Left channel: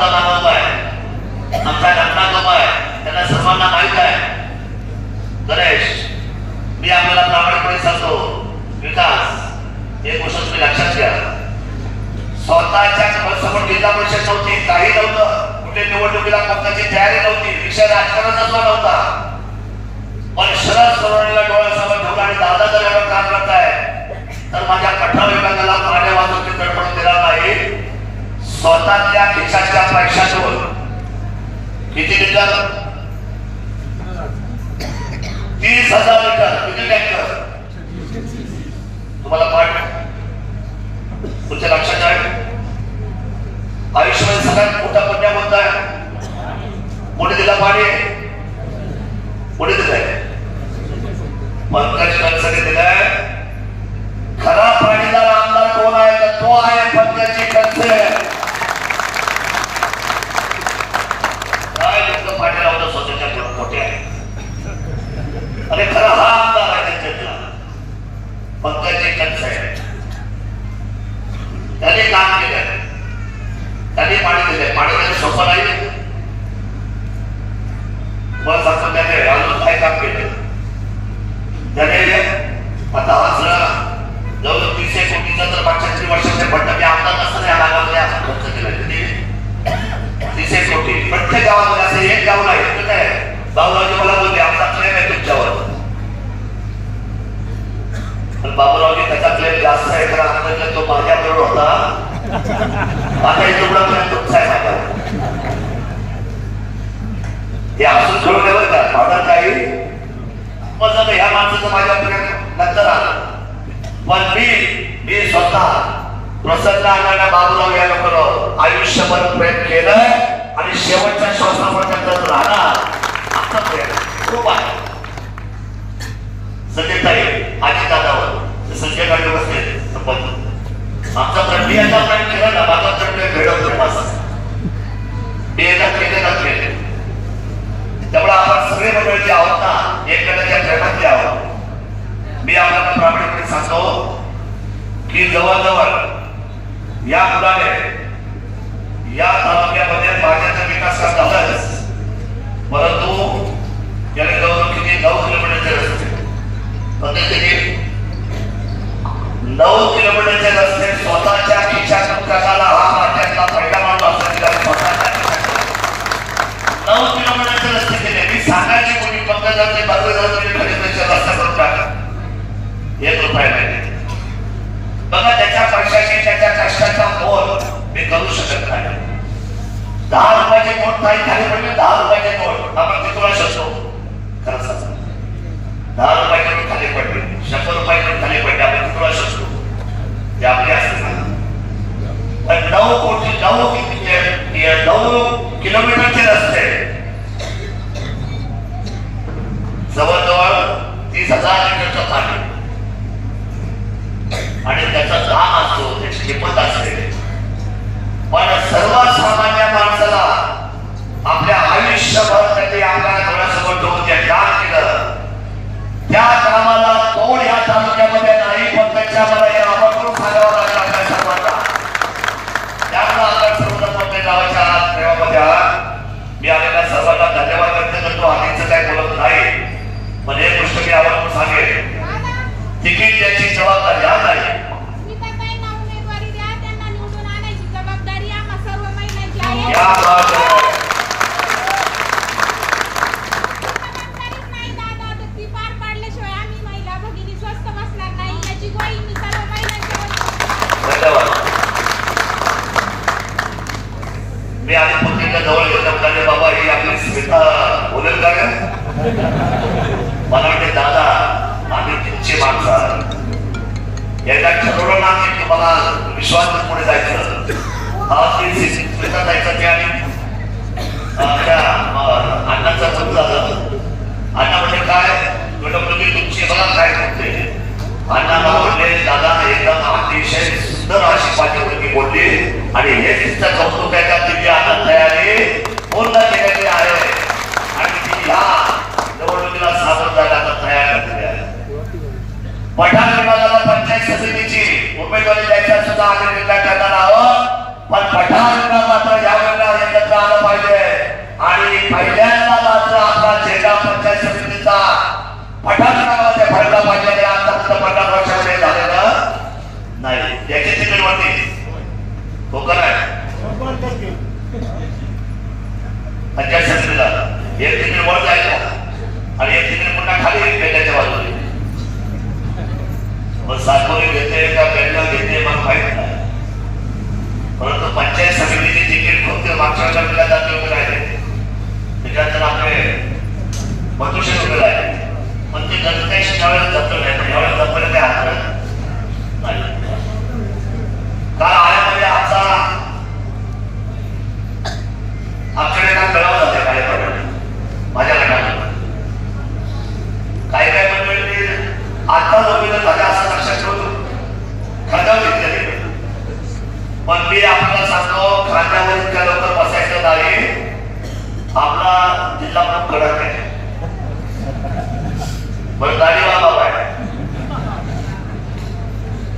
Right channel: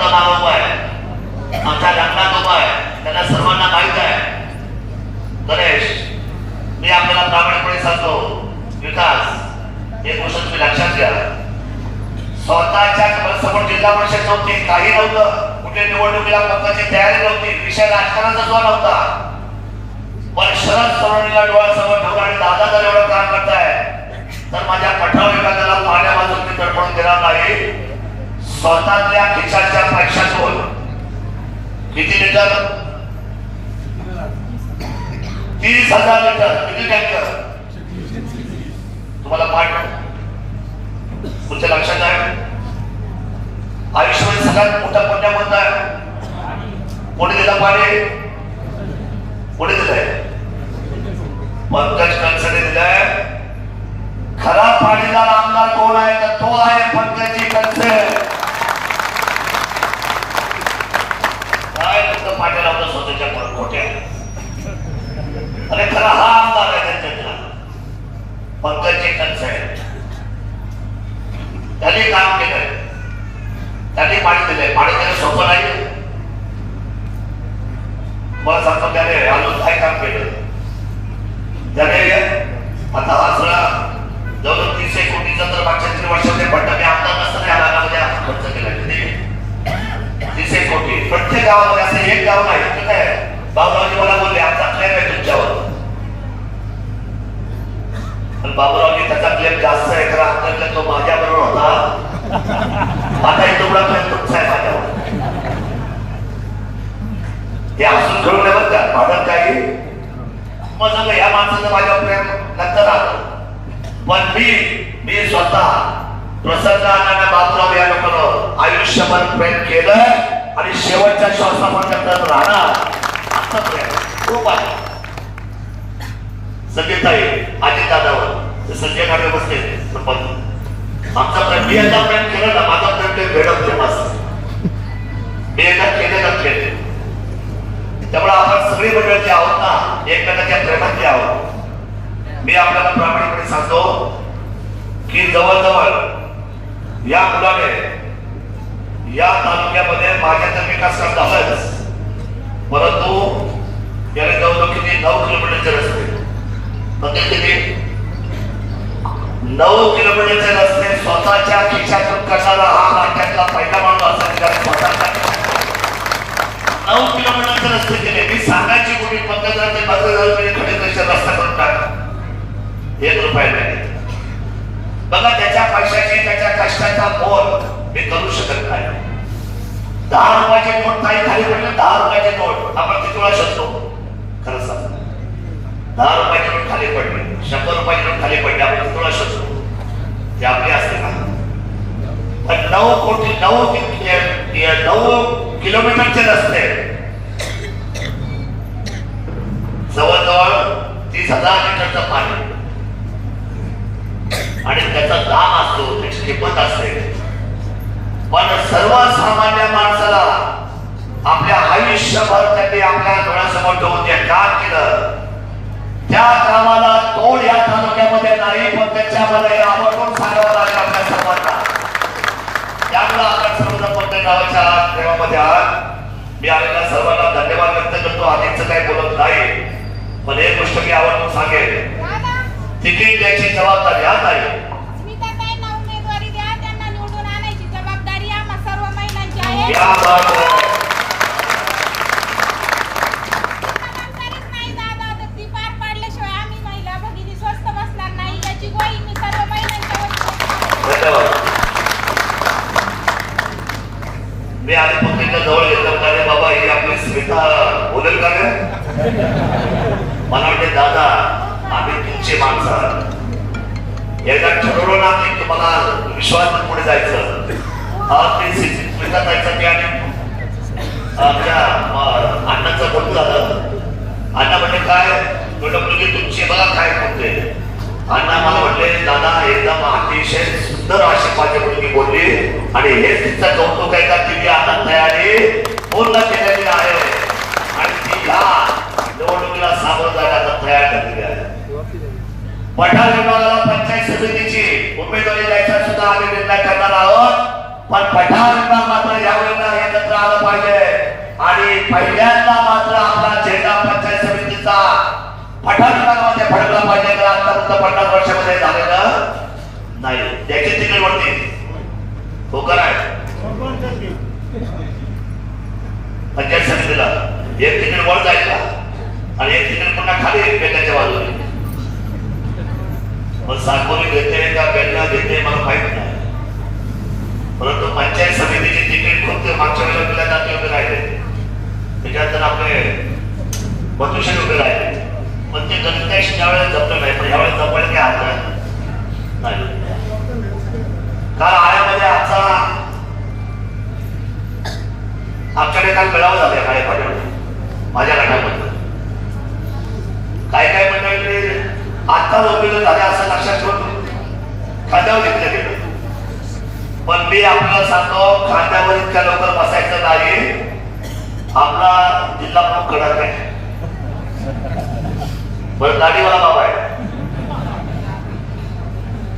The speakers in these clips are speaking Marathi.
आमचा आनंद मागवतो आहे. आमच्या लग्नात उभा आहे. त्यांना सर्वांना माहीत आहे. गणेश मी आपल्याला प्रामाणिकपणे सांगतो विकास एक गोष्ट तुम्ही लक्षात घ्या. स्वतःच्या समोर जिल्हा परिषद नव्हती काही नव्हतं. कुठे निवडणुकीला पक्षाची तयारी नव्हती. विषय राजकारणाचा जो नव्हता. पण शरद सोनवणीला डोळ्यासमोर ठेवून आणि दादा जर एवढं काम करताय. तर माझ्या कठोर विभागाला पाहण्यापासून मी तडफड केला नाही. स्वतःच्या खिशाच्या पैशातून. किती लिटर? तीस हजार लिटर. किती टँकर? तुम्हाला पाठ तुमच्या लक्षात आहे? आयुष्यामध्ये सगळ्यात मोठा पट्ट्या कोणता आहे? कोणी दिला पाणी? कोणी दिलंय? पंकज कलसने दिलाय. खरा पाणीदार आमदार कोण आहे? तर तो आहे पंकजी कलसे काय लोक पाणी लावलं स्वतःच्या घरात मोठ्या अरे खरा हा आमदार आहे त्यांच्यातला पंकजी कलसे त्यांनी काम केलं त्यांनी पाणी दिले. पाणी देणं सोपं नाही मला सांगतो त्याने आणून काय काम केलं? त्याने आता हा सगळा जवळ तीनशे कोटीचा तर मागच्या तीन वर्षाचे फंड मी आमदार नसताना या भागामध्ये आपण खर्च केला. तीनशे कोटी. प्रत्येक गावामध्ये असं एक गाव नाही. तर काय बाबूरावजी मला बोलले आमचा क्लेम आहे तुमच्यावर. पण बाबूरावजी त्याचा क्लेम जास्त आहे. तर आपल्याला तो माझ्याबरोबर होता. आता एक तुमचा क्लेम तुमचा आहे माझ्यावर. हे असून ठेवून नाही बरं का ऑर्डर काही मग झालं ह्या माणसाचं माझ्यापर्यंत नंतर पण मी मी स्वतः प्रसन्न बाबूराव आयुष्यभर प्रेम केलं आणि शेवटच्या श्वासापर्यंत राहणार. प्रेम खूप आहे. संजय ताई आणि दादावर संजय बसले. संबंध आमचा प्रेम मी याचा प्रेम केलं ना माझा प्रेम ते भेडवते बस. मी याला केले ना केले. त्यामुळे आपण सगळे मंडळ जे आहोत ना एकमेकांच्या प्रेमात जे आहोत मी आपल्या प्रामाणिकपणे सांगतो की जवळजवळ या मुलाने या तालुक्यामध्ये माझ्या विकास काम झालाच परंतु याने जवळजवळ किती? नऊ किलोमीटरचे रस्ते. नऊ किलोमीटरचे काही खाली पडले दहा रुपयाचे नोट आपण किती वेळा शकतो खरं सांगा दहा रुपयाच्या नोट खाली पडले. शंभर रुपयाच्या नोट खाली पडले. आपण किती वेळा शकतो ते आपले असते ना. तर नऊ कोटी नऊ नऊ किलोमीटरचे रस्ते. पण एक गोष्ट मी आवर्जून सांगेन तिकीट त्याची जबाबदारी एकदा ठरवलं ना की तुम्हाला विश्वास पुढे जायचं. आज मी जायचं आणि आपल्या अं, अण्णाचं बोल झालं. अण्णा म्हणजे काय? म्हटलं मुलगी तुमची मला काय म्हणते अण्णा मला म्हणले दादा एकदम अतिशय सुंदर अशी माझी तुम्ही ती बोलली आणि हेच तिथं कौतुक आहे का पहिल्यांदा मात्र आपला चेहरा पंचायत समितीचा पठाण भरला पाहिजे तर आतापर्यंत पन्नास वर्षामध्ये झालेलं नाही. त्याची तिकीट होती. हो का पंचायत समितीला. एक तिकीट वर जाईल आणि एक तिकीट पुन्हा खाली येईल बेटाच्या बाजूला मग सातपुरे घेते का बेलगाव घेते मला माहीत नाही.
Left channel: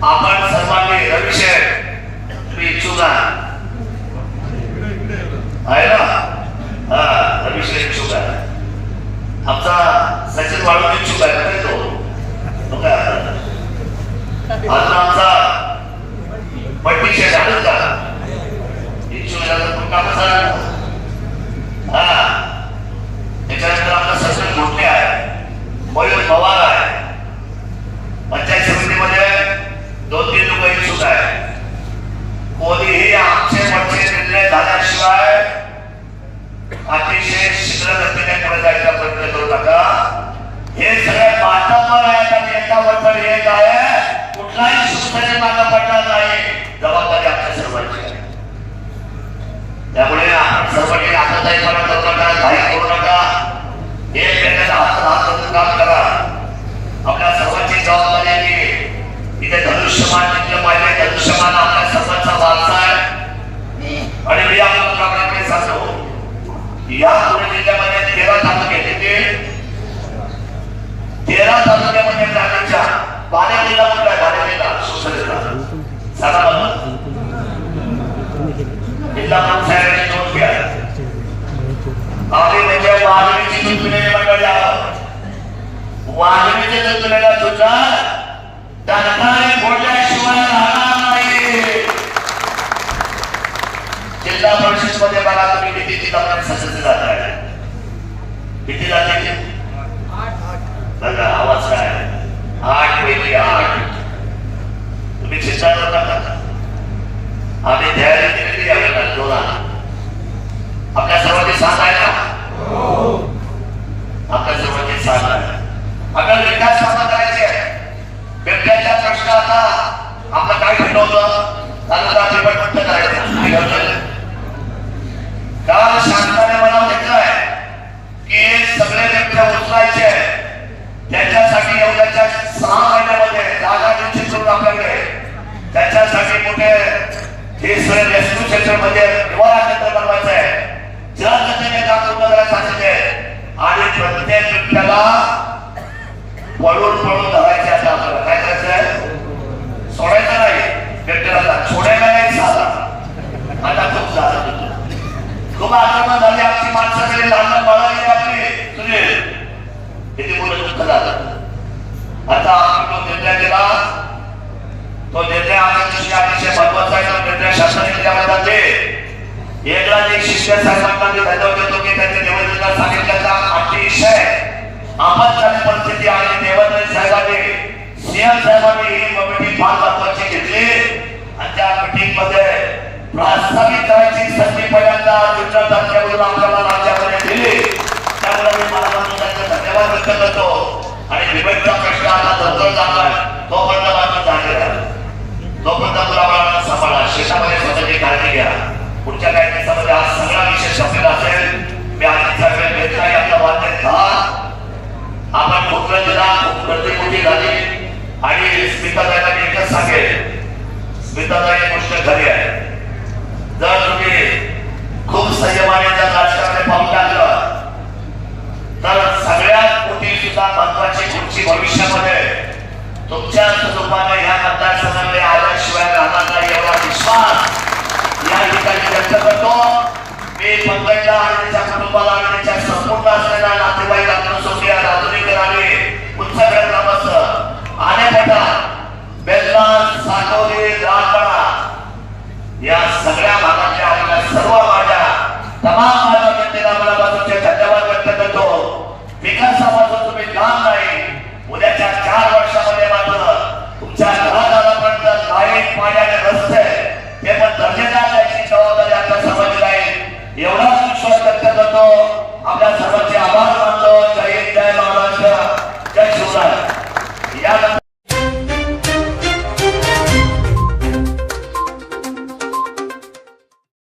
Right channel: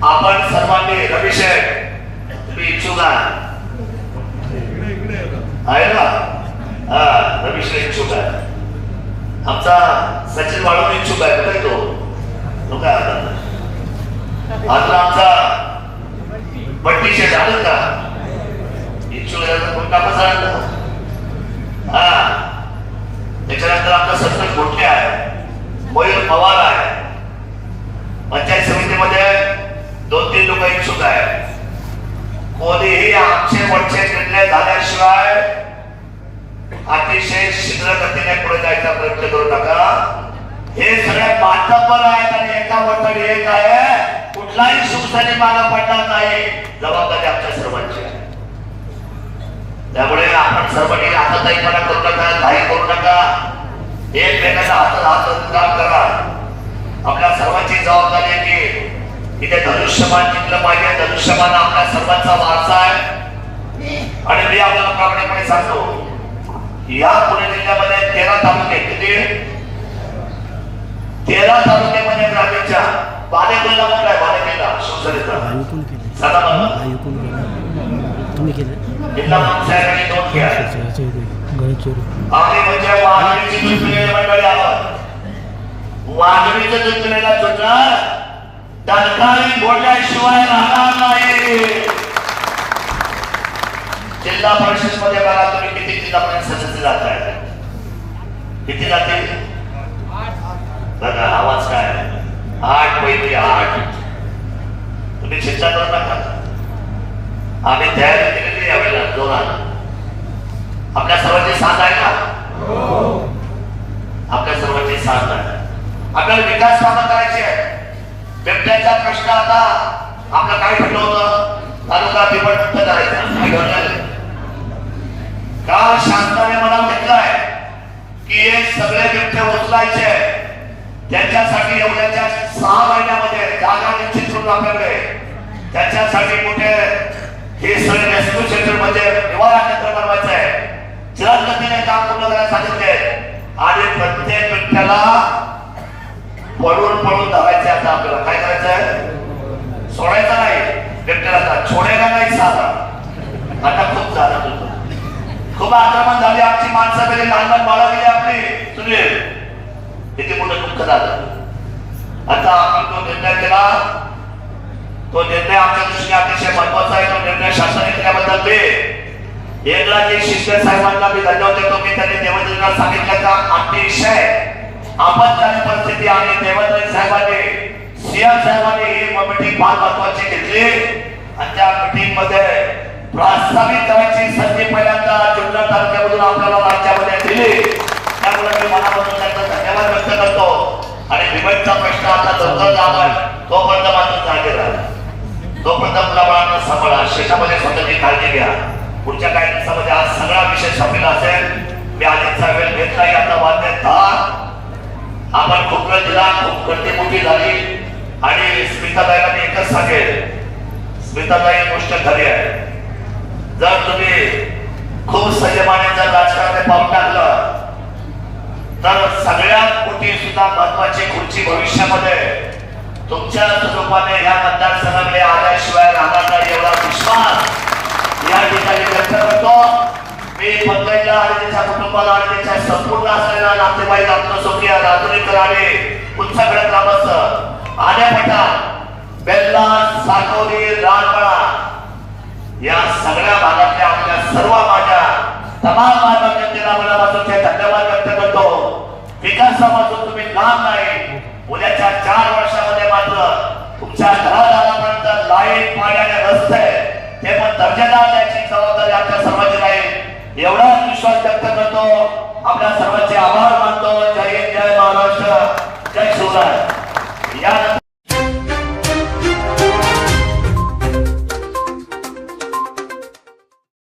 आपण सर्वांनी रविशेर तुम्ही इच्छुक? आहे ना? हा रविशेर इच्छुक आहे. आमचा सचिन वाळून इच्छुक आहे का तो? काय आता? आता आमचा पट्टी शेट आलं का? इच्छुक आहे तर पुन्हा कसा सर्वांनी करू नका करू नका एक वेगळ्या हातात काम करा. आपल्या सर्वांची जबाबदारी आहे की इथे धनुष्यमान टिकलं पाहिजे. धनुष्यमान आपल्या सर्वांचा वारसा आहे. आणि मी आपल्या सांगतो या पुणे जिल्ह्यामध्ये तेरा तालुके किती? तेरा तालुक्यामध्ये ग्रामीणच्या बालेकिल्ला काय बालेकिल्ला शिवसेनेचा सांगा मला. जिल्हा पंचायतीची नोंद घ्या आम्ही म्हणजे वाघिणीची चुकले मंडळाला वाघिणीच्या चुकलेला सुद्धा बोलल्याशिवाय राहणार नाही जिल्हा परिषदमध्ये बघा तुम्ही किती जिल्हा परिषद सदस्य जात आहे किती जाते बघा आवाज काय आठ पैकी आठ तुम्ही शिक्षावर आम्ही तयारी केलेली आपल्या सर्व साथ आहे का आपल्या सर्वांची साथ आहे आपल्याला विकास कामं करायची आहे व्यक्तीच्या प्रश्न आता आपलं काय ठरलं होतं? तालुका निवडणूक करायचं काय ठरलं काल शासनाने मला की हे सगळे व्यक्ती उचलायचे त्याच्यासाठी एवढ्याच्या सहा महिन्यामध्ये जागा निश्चित करून आपल्याकडे. त्याच्यासाठी कुठे हे सगळे रेस्क्यू सेंटरमध्ये निवारा केंद्र बनवायचं आहे. जर गतीने काम पूर्ण करायचं आणि प्रत्येक व्यक्त्याला पळून पळून धरायचे आता आपल्याला. काय करायचं आहे? सोडायचा नाही. व्यक्तीला छोडायला नाही झाला आता खूप झाला खूप आक्रमण झाली आमची माणसाकडे. लहान बाळा आपली. तुझे. किती पुढे दुःख झालं. आता आपण तो निर्णय केला तो निर्णय आमच्या दृष्टी अतिशय महत्त्वाचा आहे. तो निर्णय शासनाने केल्याबद्दल ते एकदा एक शिक्षण साहेबांना मी धन्यवाद देतो की त्यांनी देवेंद्रला सांगितलं का? अतिशय आपत्कालीन परिस्थिती आणि देवेंद्र साहेबांनी सीएम साहेबांनी मीटिंग महत्वाची घेतली आणि त्या मीटिंगमध्ये करायची संधी पहिल्यांदा जिल्हा तालुक्यातून आपल्याला राज्यामध्ये दिली. त्यामुळे मी मनापासून त्यांचा धन्यवाद गोष्ट खरी आहे. जर तुम्ही खूप संयमाने त्या राजकारणात पाऊल टाकलं तर सगळ्यात मोठी सुद्धा महत्वाची पुढची भविष्यामध्ये तुमच्या स्वरूपाने ह्या मतदारसंघाकडे आल्याशिवाय राहणार नाही एवढा विश्वास या ठिकाणी व्यक्त करतो. मी पंकजा आणि त्याच्या कुटुंबाला